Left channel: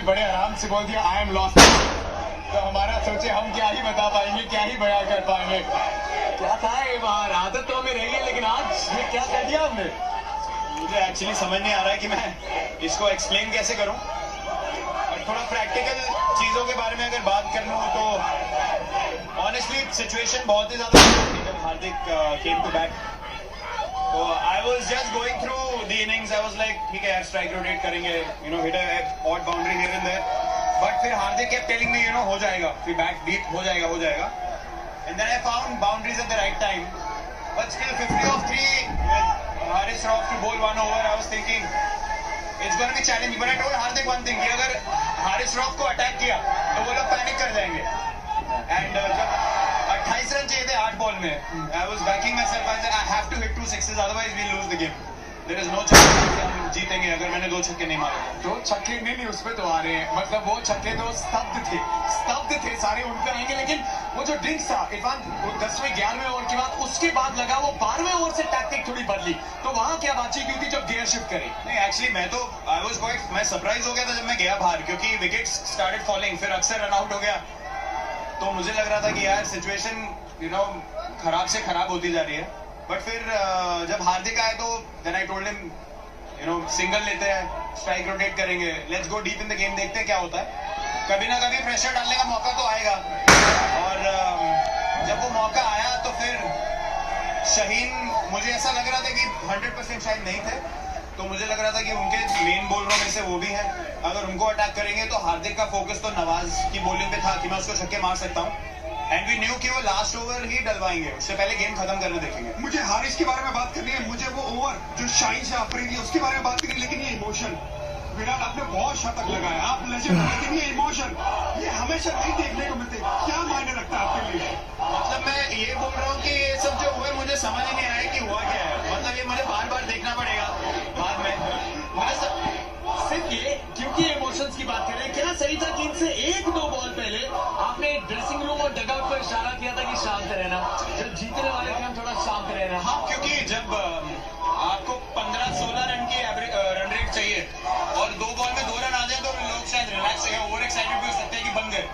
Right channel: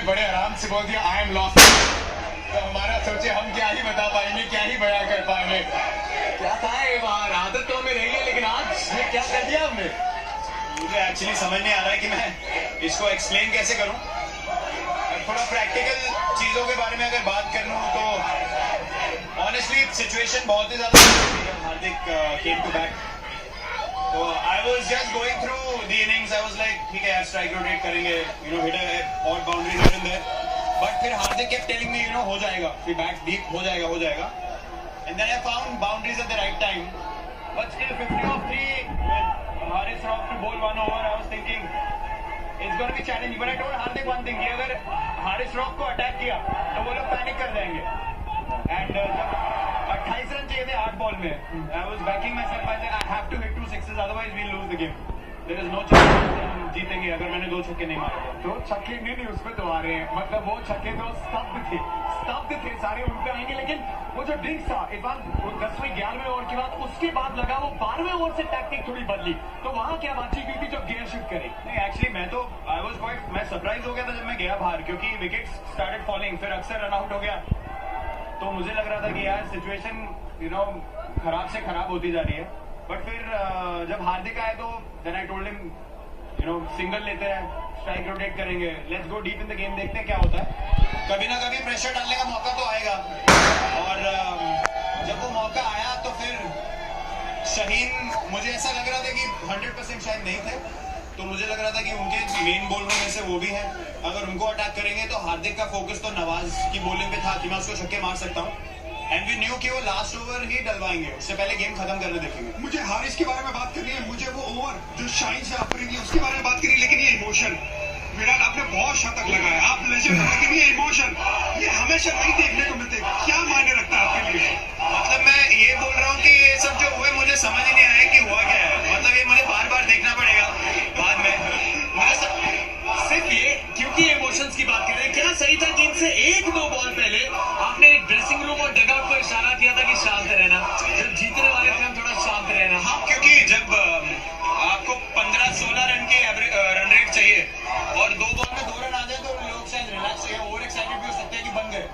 ने बड़े आराम से बोल दिया आई एम लॉस्ट, तो हमारा सोचे हम क्या ही बता पाएंगे, क्या ही बयां कर पाएंगे। क्या था ये बाहर, आदत तो हमें रही है, लेकिन आज ये क्या कर दिया हमने। मुझे एक्चुअली समझ नहीं आ रहा है कि मैं इसको एक्सप्लेन कैसे करूं। और थोड़ा प्रैक्टिकल चीज़ों के बारे में अगर बात कर लूं तो ऑनेस्टली सिचुएशन बहुत ही ज़्यादा जब हार्दिक केम टू बैट, तो I was just going through the innings. I was like ठीक है यार, स्ट्राइक रोटेट करेंगे, hit a odd boundary here and there, but फिर हार्दिक केप्ट टेलिंग मी हो जाएगा, फिर बैट डीप हो जाएगा। And then I found boundaries at the right time, but still 50 of 3 Haris Rauf to bowl 1 over. I was thinking it's going to be challenging, but I told Hardik one thing कि अगर Haris Rauf को attack किया तो वो लोग panic कर जाएंगे। And जब 28 रन चाहिए थे 8 बॉल में, I was backing myself. I said I have to hit 2 sixes, otherwise we'll lose the game. There is no chance कि हम जीतेंगे अगर मैंने 2 छक्के नहीं मारे। तो छक्के नहीं उसमें तो आ रहे हैं, मतलब वो छक्के तो स्तब्ध थे सारे, उन पे आएंगे। लेकिन वो जो ड्रिंक्स था इरफान, वो 10वें 11वें ओवर के बाद उसके बाद लगा, वो 12वें ओवर से टैक्टिक थोड़ी बदली, तो वहां क्या बातचीत हुई थी जब गियर शिफ्ट करे। नहीं एक्चुअली मैं सरप्राइज हो गया था जब मैं गया बाहर, क्योंकि विकेट्स स्टार्टेड फॉलिंग, फिर अक्सर रन आउट हो गया, तो मुझे लग रहा था कि यार सिचुएशन खराब से खराब होती जा रही है। बट फिर जब हार्दिक आए तो then I told him single लेते हैं, स्ट्राइक रोटेट करेंगे, let's go deep in the game, देखते हैं क्या होता है। कभी ना कभी प्रेशर डालने का मौका तो आएगा, और जब वो मौका आया तो फिर शाहीन, मुझे ऐसा लग रहा था कि 100% शाहीन नहीं थे, तो मुझे लग रहा था कि उनके मेन बॉलरों में से वो भी हैं, अगर उनको अटैक करेंगे तो हार्दिक का फोकस तो नवाज की बॉलिंग पे था कि मैं उसको छक्के मार सकता हूँ, एंड वी न्यू कि वो लास्ट ओवर ही डलवाएंगे, उससे पहले गेम खत्म करने देखेंगे। मुझे हारिस के बारे में बात करनी है, मुझे वो ओवर जो शाहीन से आफरीदी उसके बारे में बात करनी है, लेकिन ये इमोशन, विराट आपने बहुत शतक लगाया, आप लेजेंड, लेकिन ये इमोशन ये हमेशा नहीं देखने को मिलते, क्या मायने रखता है आपके लिए? मतलब मैं ये बोल रहा हूँ कि ये सब जो हुए मुझे समझ ही नहीं आया कि हुआ क्या है, मतलब ये मुझे बार बार देखना पड़ेगा बाद में। मुझे सिर्फ ये क्योंकि इमोशंस की बात कर रहे हैं, क्या सही था कि इनसे 1-2 बॉल पहले आपने ड्रेसिंग रूम और डगआउट पर इशारा किया था कि शांत रहना, जब जीतने वाले थे हम थोड़ा शांत रहना। हाँ, क्योंकि जब आपको 15-16 रन की रन रेट चाहिए और 2 बॉल में 2 रन आ जाए तो लोग शायद रिलैक्स या ओवर एक्साइटेड भी हो सकते हैं कि बन गए,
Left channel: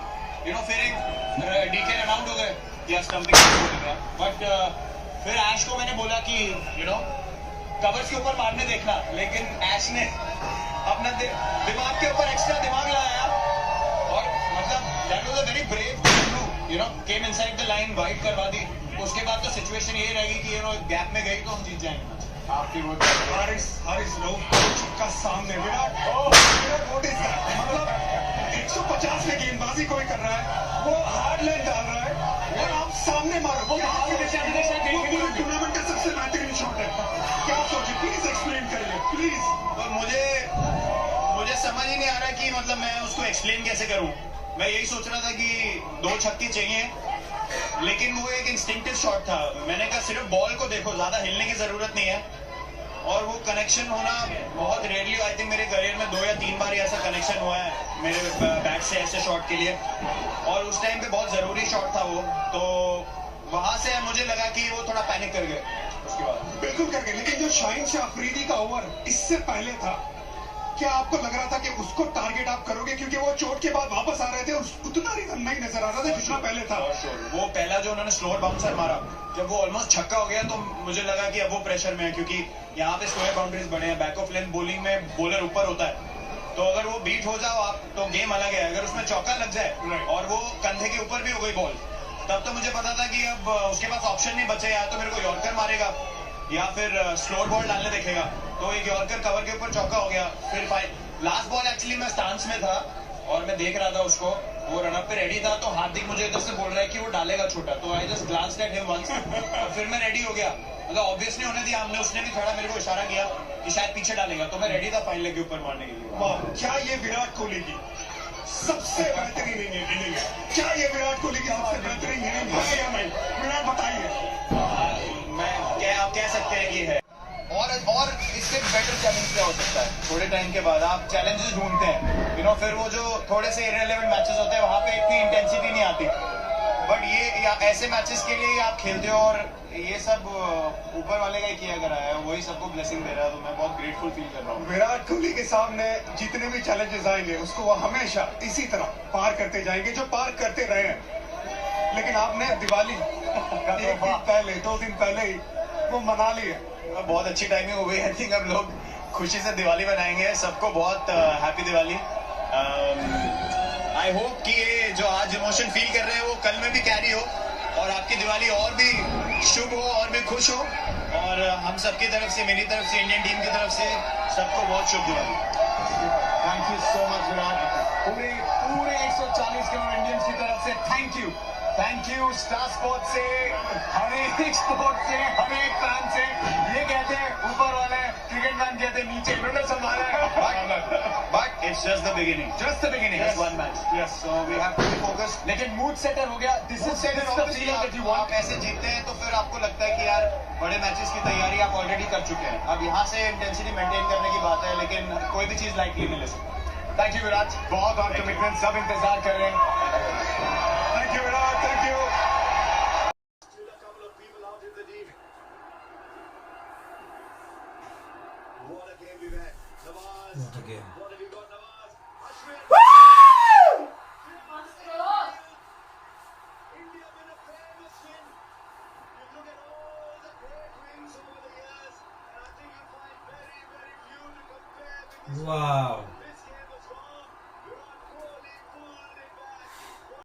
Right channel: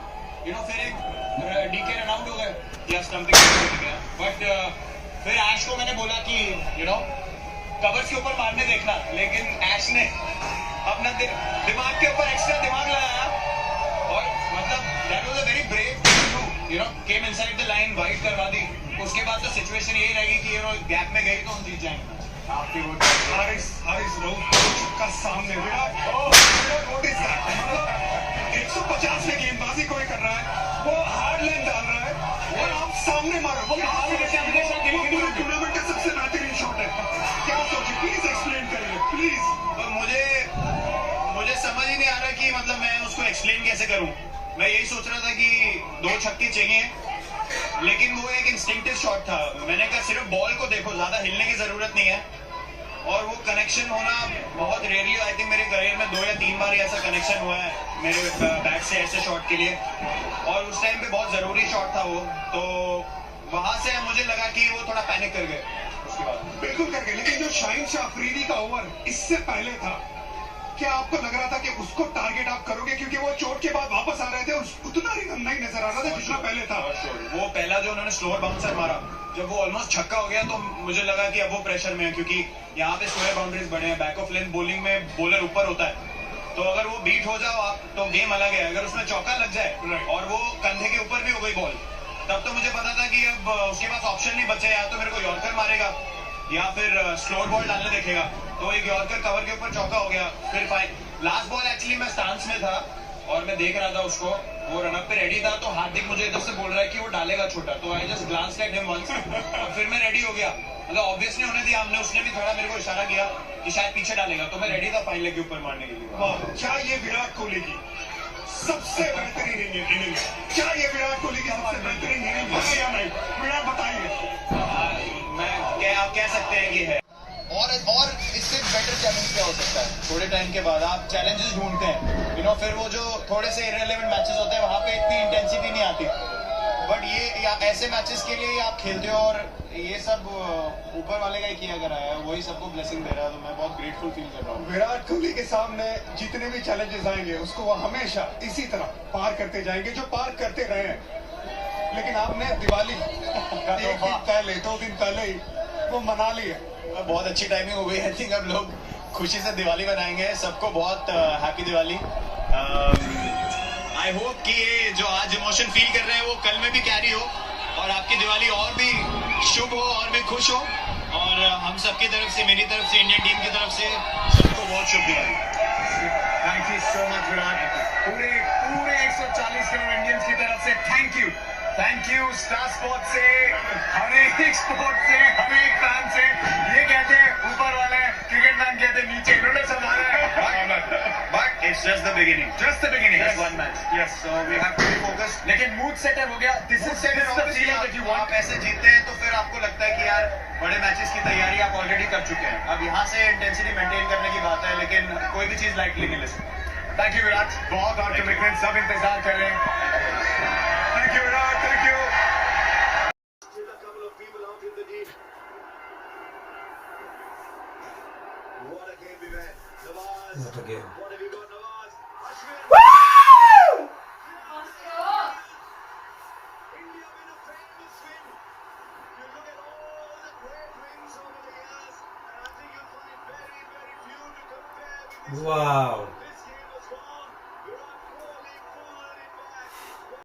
फिर एक डीके रन आउट हो गए या स्टंपिंग हो गया। बट फिर ऐश को मैंने बोला कि कवर्स के ऊपर मारने देखना, लेकिन ऐश ने अपना दिमाग के ऊपर एक्स्ट्रा दिमाग लगाया, और मतलब that was a very brave thing to came inside the line, wide करवा दी। उसके बाद तो सिचुएशन यही रहेगी कि गैप में गई तो हम जीत जाएंगे। आपकी वोट हारिस राउफ का सामने विराट, व्हाट इज दैट? मतलब 150 में गेंदबाजी कोई कर रहा है, वो हार्ड लाइन डाल रहा है और आप सामने मारो, वो पूरे टूर्नामेंट का सबसे बेहतरीन शॉट है। क्या सोचिए, प्लीज एक्सप्लेन करिए प्लीज। तो मुझे समझ ही नहीं आ रहा कि मतलब मैं उसको एक्सप्लेन कैसे करूं। मैं यही सोच रहा था कि 2 छक्के चाहिए, लेकिन वो एक इंस्टिंक्टिव शॉट था। मैंने कहा सिर्फ बॉल को देखो, ज्यादा हिलने की जरूरत नहीं है, और वो कनेक्शन होना बहुत रेयरली, आई थिंक मेरे करियर में 2 या 3 बार ऐसा कनेक्शन हुआ है मेरे बैट से ऐसे शॉट के लिए, और उस टाइम पे बहुत जरूरी शॉट था वो, तो वहां से मुझे लगा कि वो थोड़ा पैनिक कर गए उसके बाद। बिल्कुल कर गए, लेकिन जो शाहीन से अफरीदी का ओवर इससे पहले था, क्या आपको लग रहा था कि उसको टारगेट आप करोगे? क्योंकि वो चोट के बाद वापस आ रहे थे, उतना रिदम नहीं नजर आ रहा था जितना पहले था। वो पहला जो उन्होंने स्लोअर बाउंसर मारा, जब वो ऑलमोस्ट छक्का हो गया, तो मुझे लगा कि अब वो प्रेशर में है, क्योंकि यहाँ पे स्लोअर बाउंड्रीज बने हैं, बैक ऑफ लेंथ बॉलिंग में बॉलर ऊपर होता है, तो अगर वो बीट हो जाओ आप तो गेम अलग है। अगर उसमें चौका लग जाए और वो कंधे के ऊपर भी हो गई बॉल, तब तो मुझे पता था कि अब उसके पास ऑप्शन नहीं बचे, या तो मेरे को यॉर्कर मारेगा या फिर स्लोअर बॉल डालने देखेगा। तो एक यॉर्कर कवर के ऊपर चौका हो गया, फिर लास्ट बॉल एक्चुअली मैं स्टांस में था और मैं देख रहा था उसको, वो रनअप पे रेडी था, तो हार्दिक मुझे इधर से बोल रहा है कि वो डालेगा छोटा, तो I just glanced at him once, और फिर मैं रेडी हो गया। मतलब ऑब्वियसली होने दिया हमने, उसने भी थोड़ा मेरे को इशारा किया कि शायद पीछे डालेगा, तो मैं रेडी था फाइन लेग के ऊपर मारने के लिए। वाह, क्या ये विराट कोहली की सबसे बेहतरीन इनिंग है? क्या ये विराट कोहली की सबसे बेहतरीन इनिंग है या नहीं? विराट बताइए। आप कह सकते हैं कि है, और इससे बेटर चैलेंज क्या हो सकता है? थोड़े टाइम के बाद आप चैलेंजेस ढूंढते हैं, फिर वो जो थोड़े से इररिलेवेंट मैचेस होते हैं वहां पे इतनी इंटेंसिटी नहीं आती, बट ऐसे मैचेस के लिए आप खेलते हो और ये सब ऊपर वाले का ही किया करा है, वही सबको ब्लेसिंग दे रहा है, तो मैं बहुत ग्रेटफुल फील कर रहा हूँ। विराट कोहली के सामने जितने भी चैलेंजेस आएंगे उसको वो हमेशा इसी तरह पार करते जाएंगे जो पार करते रहे हैं। लेकिन आपने दिवाली एक दिन पहले 2 दिन पहले ही वो मना ली है। बहुत अच्छी टाइमिंग हो गई। आई थिंक अब लोग खुशी से दिवाली मनाएंगे। सबको बहुत हैप्पी दिवाली। आई होप कि ये जो आज इमोशन फील कर रहे हैं वो कल में भी कैरी हो और आपकी दिवाली और भी शुभ हो और भी खुश हो। और हम सबकी तरफ से, मेरी तरफ से, इंडियन टीम की तरफ से सबको बहुत शुभ Diwali. Thank you so much Virat. पूरे 140 करोड़ इंडियंस की तरफ से थैंक यू स्टार स्पोर्ट्स से, हर एक स्पोर्ट से, हर एक फैन से। ये कहते हैं ऊपर वाले, क्रिकेट मैन कहते हैं नीचे, इन्होंने संभाला है। But it's just the beginning. Just one match. Yes, so we have to be focused. लेकिन मूड सेटर हो गया। This is the feeling that you want. आप ऐसे जीतते हैं तो फिर आपको लगता है कि यार बड़े मैचेस की तैयारी आप ऑलरेडी कर चुके हैं, अब यहाँ से इंटेंसिटी मेंटेन करने की बात है, लेकिन कोई भी चीज लाइटली नहीं ले सकते। थैंक यू विराट, बहुत और कमिटमेंट, सब इंतजार कर रहे हैं। Thank you Virat, thank you. What a game. Wow.